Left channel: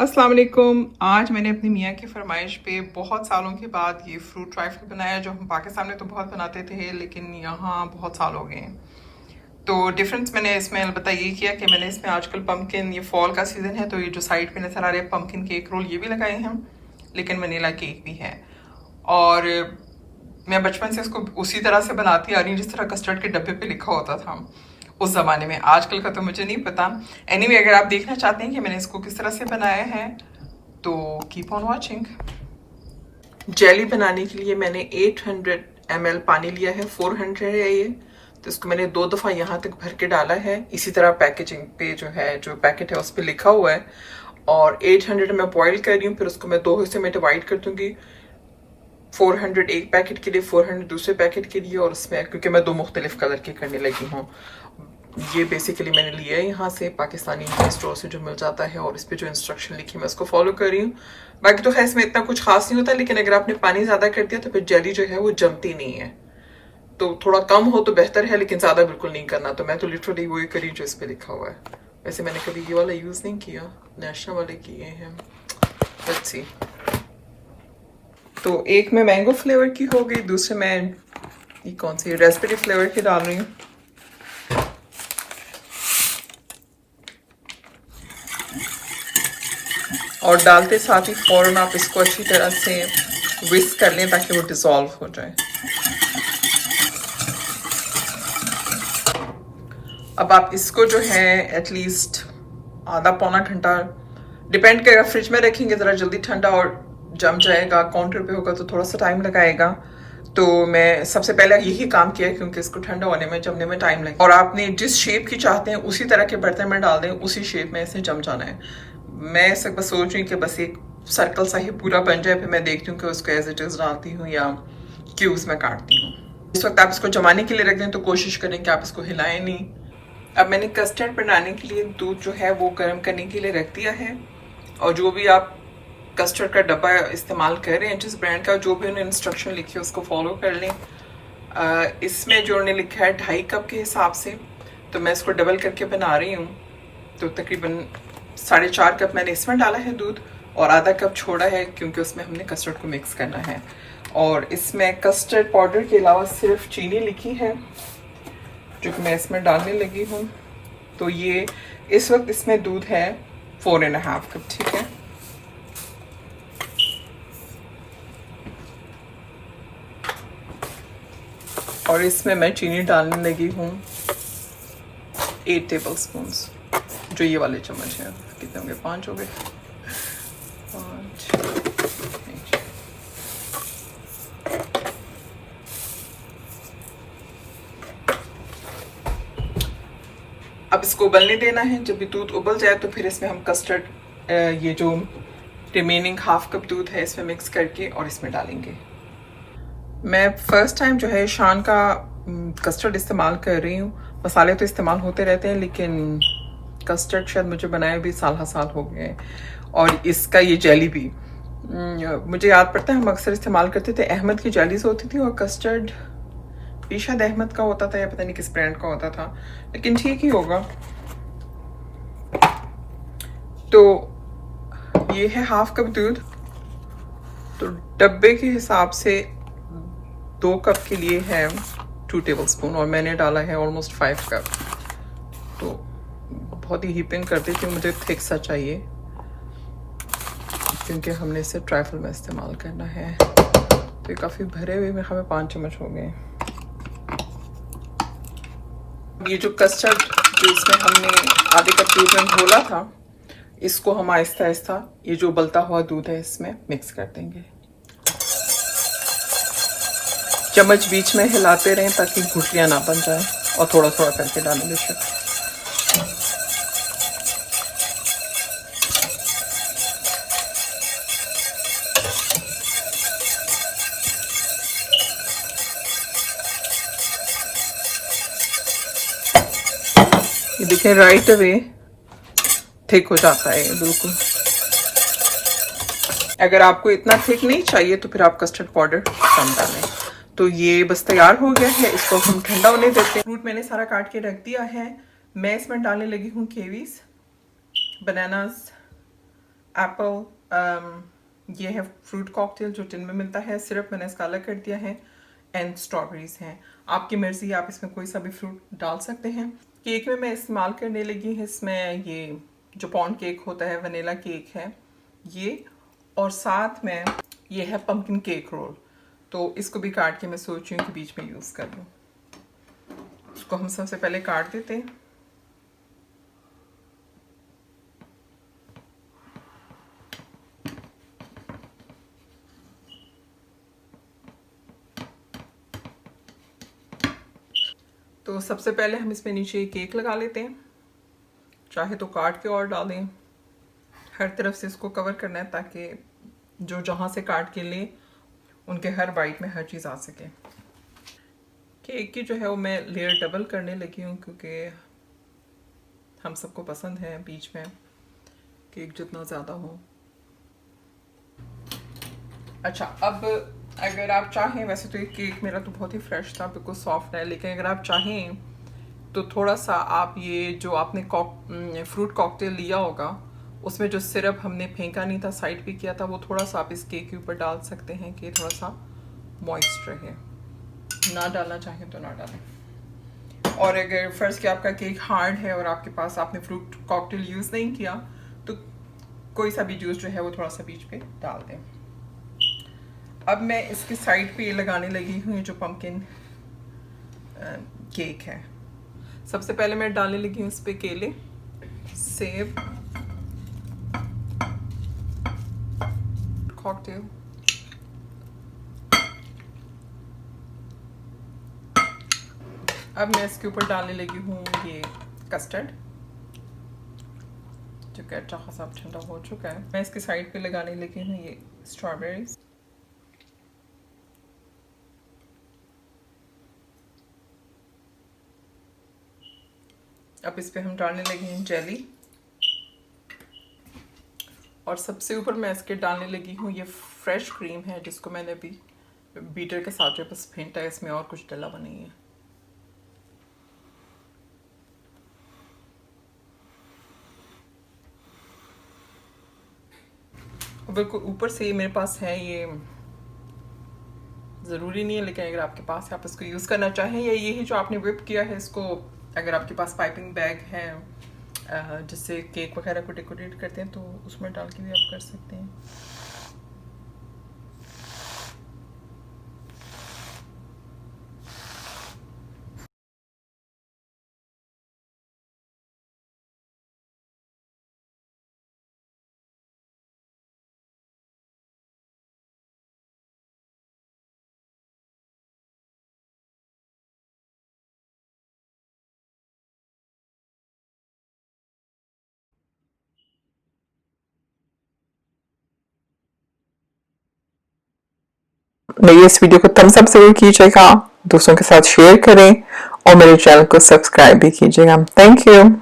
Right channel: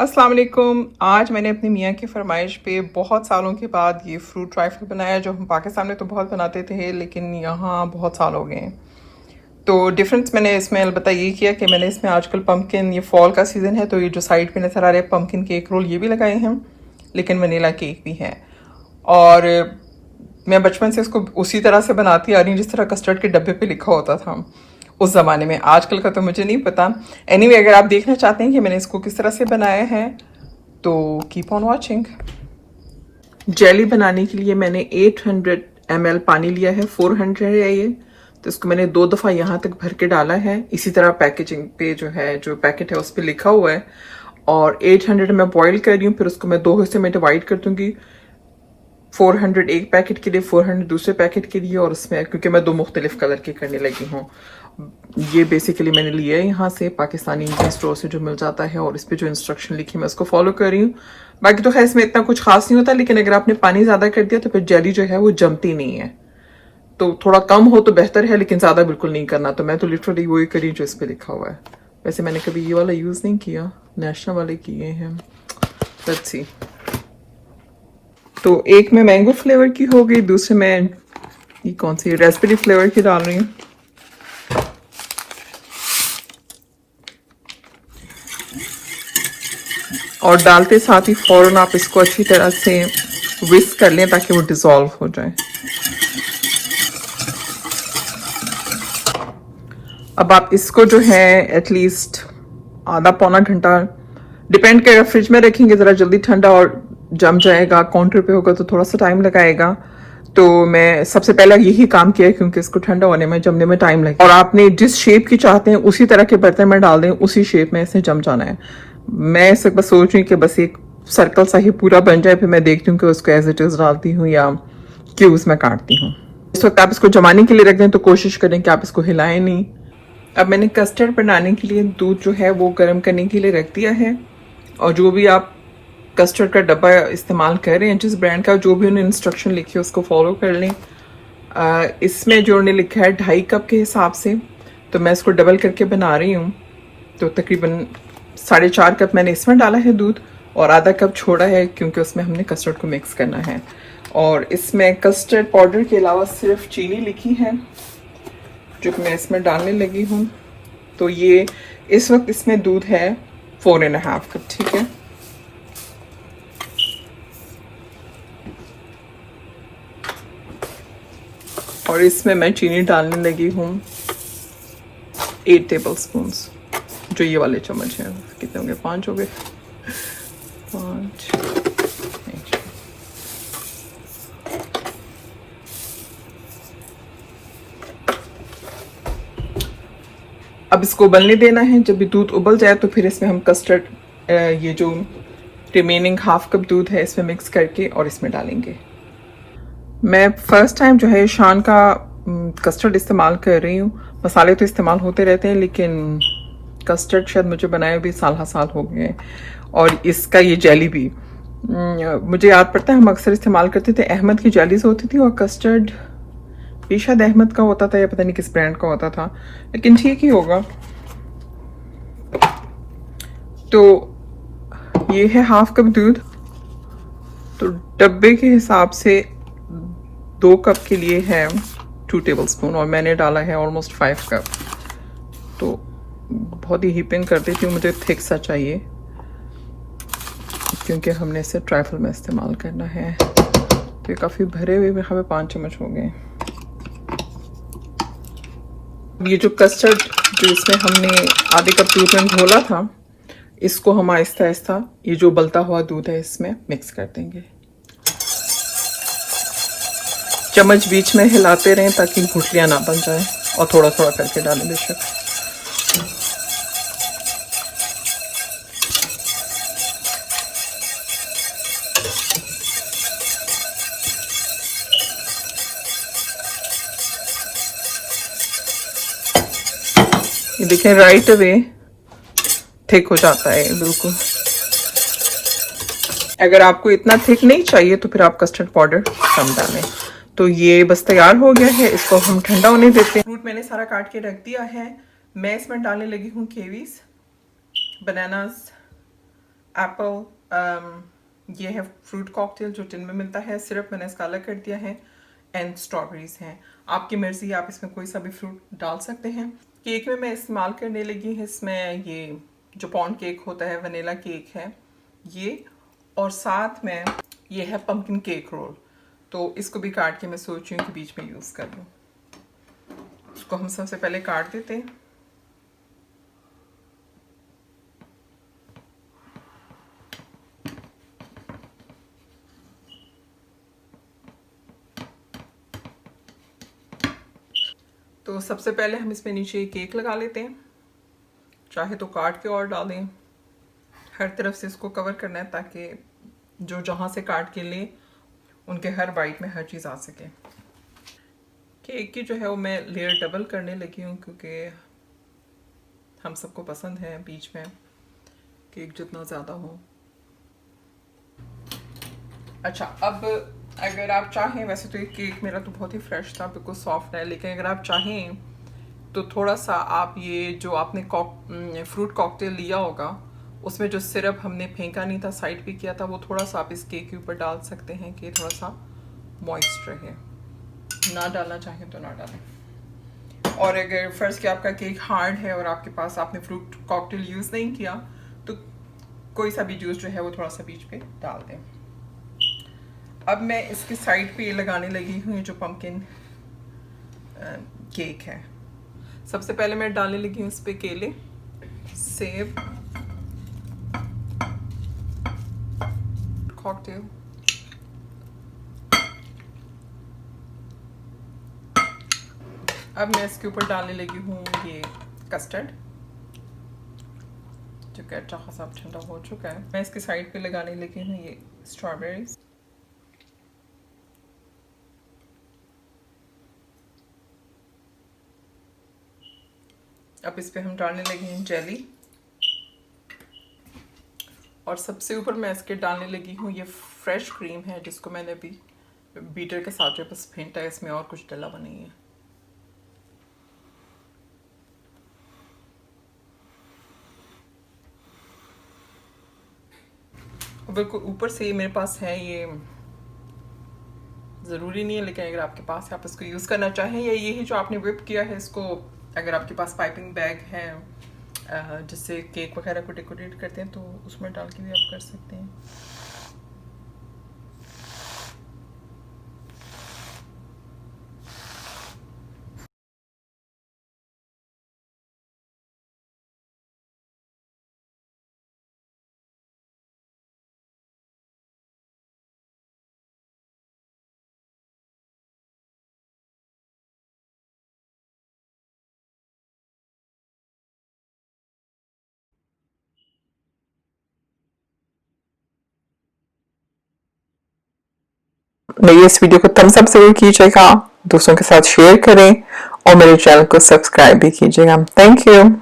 अस्सलाम वालेकुम। आज मैंने अपनी मियाँ की फरमाइश पे बहुत सालों के बाद ये फ्रूट ट्राइफल बनाया, जो हम पाकिस्तान में तो बहुत बनाते थे लेकिन यहाँ बहुत साल हो गए हैं। तो डिफरेंस मैंने इसमें अलबत्ता ये किया कि मैंने इसमें आजकल पम्पकिन, ये फॉल का सीज़न है तो ये जो साइड पे नज़र आ रहे हैं पम्पकिन केक रोल, ये भी लगाए हैं, लेकिन वनीला केक भी है। और मैं बचपन से इसको उसी तरह से बनाती आ रही हूँ जिस तरह कस्टर्ड के डब्बे पे लिखा होता था उस ज़माने में। आजकल का तो मुझे नहीं पता। एनीवे, अगर आप देखना चाहते हैं कि मैंने इसको किस तरह से बनाया है तो कीप ऑन वॉचिंग। जेली बनाने के लिए मैंने 800 ml पानी लिया है, 400 है ये, तो इसको मैंने 2 दफ़ा यहाँ तक भर के डाला है। इसी तरह पैकेजिंग पे जो है, जो पैकेट है उस पर लिखा हुआ है। और 800 मैं बॉईल कर रही हूँ, फिर उसको मैं 2 हिस्से में डिवाइड कर दूंगी। 400 एक पैकेट के लिए, 400 दूसरे पैकेट के लिए। और उसमें क्योंकि मैं 2 मुख्तलिफ कलर के करने लगी हूँ, ये बेसिकली मैंने लिया है यहाँ से पाकिस्तानी स्टोर से जो मिल जाता है, और इस पर जो इंस्ट्रक्शन लिखी मैं उसको फॉलो कर रही हूँ। बाकी तो खैर इसमें इतना कुछ खास नहीं होता, लेकिन अगर आपने पानी ज़्यादा कर दिया तो फिर जेली जो है वो जमती नहीं है। तो थोड़ा कम हो तो बेहतर है, लेकिन ज़्यादा बिल्कुल नहीं करना। तो मैं तो लिटरली वही करी जो इस पर लिखा हुआ है। वैसे मैंने कभी ये वाला यूज़ नहीं किया, नेशनल वाले किए हैं। Let's see. तो एक में मैंगो फ्लेवर की हो गई, दूसरे में ये कौन सी रास्पबेरी फ्लेवर की डाल रही हूँ। और डालते साथ ही फौरन आप इसको अच्छी तरह से विस्क कर लें ताकि वो डिसॉल्व हो जाए। अब आप इसको जो है एटलीस्ट आधा पौना घंटा, डिपेंड करेगा, फ्रिज में रखेंगे ज़रा जल्दी ठंडा और जम जाएगा, काउंटर पे होगा तो थोड़ा सा टाइम लगाएगा। तो मैं सबसे पहला यही काम किया क्योंकि इसको ठंडा होने में, जमने में टाइम लगेगा। और आपने जिस शेप की चाहते हैं उसी तरह के बर्तन में डाल दें, उसी शेप में इसे जम जाना है। मैं इस बस सोच रही हूँ कि बस एक सर्कल सा ही पूरा बन जाए, फिर मैं देखती हूँ कि उसको एज इट इज डालती हूँ या क्यूब्स में काटती हूँ। इस वक्त आप इसको जमाने के लिए रख दें तो कोशिश करें कि आप इसको हिलाएं नहीं। अब मैंने कस्टर्ड बनाने के लिए दूध जो है वो गर्म करने के लिए रख दिया है। और जो भी आप कस्टर्ड का डब्बा इस्तेमाल कर रहे हैं, जिस ब्रांड का, जो भी उन्हें इंस्ट्रक्शन लिखी है उसको फॉलो कर लें। इसमें जो उन्हें लिखा है 2.5 कप के हिसाब से, तो मैं इसको डबल करके बना रही हूँ। तो तकरीबन 4.5 कप मैंने इसमें डाला है दूध, और आधा कप छोड़ा है क्योंकि उसमें हमने कस्टर्ड को मिक्स करना है। और इसमें कस्टर्ड पाउडर के अलावा सिर्फ चीनी लिखी है जो मैं इसमें डालने लगी हूँ। तो ये इस वक्त इसमें दूध है 4.5 कप, ठीक है। और इसमें मैं चीनी डालने लगी हूँ 8 टेबल स्पून, जो ये वाले चम्मच हैं। कितने हो गए? 5 हो गए। 5। अब इसको उबलने देना है। जब भी दूध उबल जाए तो फिर इसमें हम कस्टर्ड, ये जो रिमेनिंग 1/2 कप दूध है इसमें मिक्स करके और इसमें डालेंगे। मैं फर्स्ट टाइम जो है शान का कस्टर्ड इस्तेमाल कर रही हूँ। मसाले तो इस्तेमाल होते रहते हैं, लेकिन कस्टर्ड शायद मुझे बनाए हुए साल हो गए। और इसका ये जेली भी मुझे याद पड़ता है, हम अक्सर इस्तेमाल करते थे, अहमद की जेलीज होती थी, और कस्टर्ड भी शायद अहमद का होता था या पता नहीं किस ब्रांड का होता था, लेकिन ठीक ही होगा। तो ये है 1/2 कप दूध। तो डब्बे के हिसाब से 2 कप के लिए है 2 टेबल स्पून, और मैंने डाला है ऑलमोस्ट 5 कप। तो बहुत ही हीपिंग कर देती हूँ, मुझे थिक सा चाहिए क्योंकि हमने इसे ट्राइफल में इस्तेमाल करना है। तो ये काफ़ी भरे हुए, मेरे ख्याल 5 चम्मच हो गए। ये जो कस्टर्ड जो इसमें हमने आधे कप दूध में घोला था, इसको हम आहिस्ता आहिस्ता ये जो उबलता हुआ दूध है इसमें मिक्स कर देंगे। चम्मच बीच में हिलाते रहें ताकि गुठलियां ना बन जाए, और थोड़ा थोड़ा करके डालें बेशक। देखें राइट अवे थिक हो जाता है बिल्कुल। अगर आपको इतना थिक नहीं चाहिए तो फिर आप कस्टर्ड पाउडर कम कर लें। तो ये बस तैयार हो गया है, इसको हम ठंडा होने देते हैं। फ्रूट मैंने सारा काट के रख दिया है। मैं इसमें डालने लगी हूँ कीवीज, बनानास, एप्पल, ये है फ्रूट कॉकटेल जो टिन में मिलता है, सिरप मैंने इसका अलग कर दिया है, एंड स्ट्रॉबेरीज हैं। आपकी मर्ज़ी है, आप इसमें कोई सा भी फ्रूट डाल सकते हैं। केक में मैं इस्तेमाल करने लगी हूँ इसमें ये जो पॉन्ड केक होता है, वनीला केक है ये, और साथ में ये है पम्पकिन केक रोल। तो इसको भी काट के मैं सोच रही हूँ कि बीच में यूज़ कर लूँ। उसको हम सबसे पहले काट देते हैं। तो सबसे पहले हम इसमें नीचे केक लगा लेते हैं, चाहे तो काट के और डालें। हर तरफ से इसको कवर करना है ताकि जो जहाँ से काट के ले उनके हर बाइट में हर चीज़ आ सके। केक की जो है वो मैं लेयर डबल करने लगी हूँ क्योंकि हम सबको पसंद है बीच में केक जितना ज़्यादा हो। अच्छा, अब अगर आप चाहें, वैसे तो ये केक मेरा तो बहुत ही फ्रेश था, बिल्कुल सॉफ्ट है, लेकिन अगर आप चाहें तो थोड़ा सा आप ये जो आपने फ्रूट कॉकटेल लिया होगा उसमें जो सिरप हमने फेंका नहीं था, साइड पे किया था, वो थोड़ा सा आप इस केक के ऊपर डाल सकते हैं कि थोड़ा सा मॉइस्ट रहे। ना डालना चाहें तो ना डालें। और अगर फ़र्ज़ कि आपका केक हार्ड है और आपके पास आपने फ्रूट कॉकटेल यूज़ नहीं किया तो कोई सा भी जूस जो है वो थोड़ा सा बीच पे डाल दें। अब मैं इसकी साइड पे ये लगाने लगी हूँ जो पम्पकिन केक है। सबसे पहले मैं डालने लगी हूँ इस पे केले, सेब, कॉकटेल, अब मैं इसके ऊपर डालने लगी हूँ ये कस्टर्ड जो कि अच्छा खासा ठंडा हो चुका है। मैं इसके साइड पे लगाने लगी हूँ ये स्ट्रॉबेरीज। अब इस पे हम डालने लगे हैं जेली, और सबसे ऊपर मैं इसके डालने लगी हूँ ये फ्रेश क्रीम है जिसको मैंने अभी बीटर के साथ जो बस फेंटा है, इसमें और कुछ डला हुआ नहीं है। बिल्कुल ऊपर से ये मेरे पास है, ये ज़रूरी नहीं है लेकिन अगर आपके पास है आप इसको यूज़ करना चाहें, या ये ही जो आपने whip किया है इसको, अगर आपके पास पाइपिंग बैग है जिससे केक वगैरह को डेकोरेट करते हैं तो उसमें डाल के भी आप कर सकते हैं। मेरी इस वीडियो को थम्स अप जरूर कीजिएगा, दोस्तों के साथ शेयर करें और मेरे चैनल को सब्सक्राइब भी कीजिएगा। Thank you.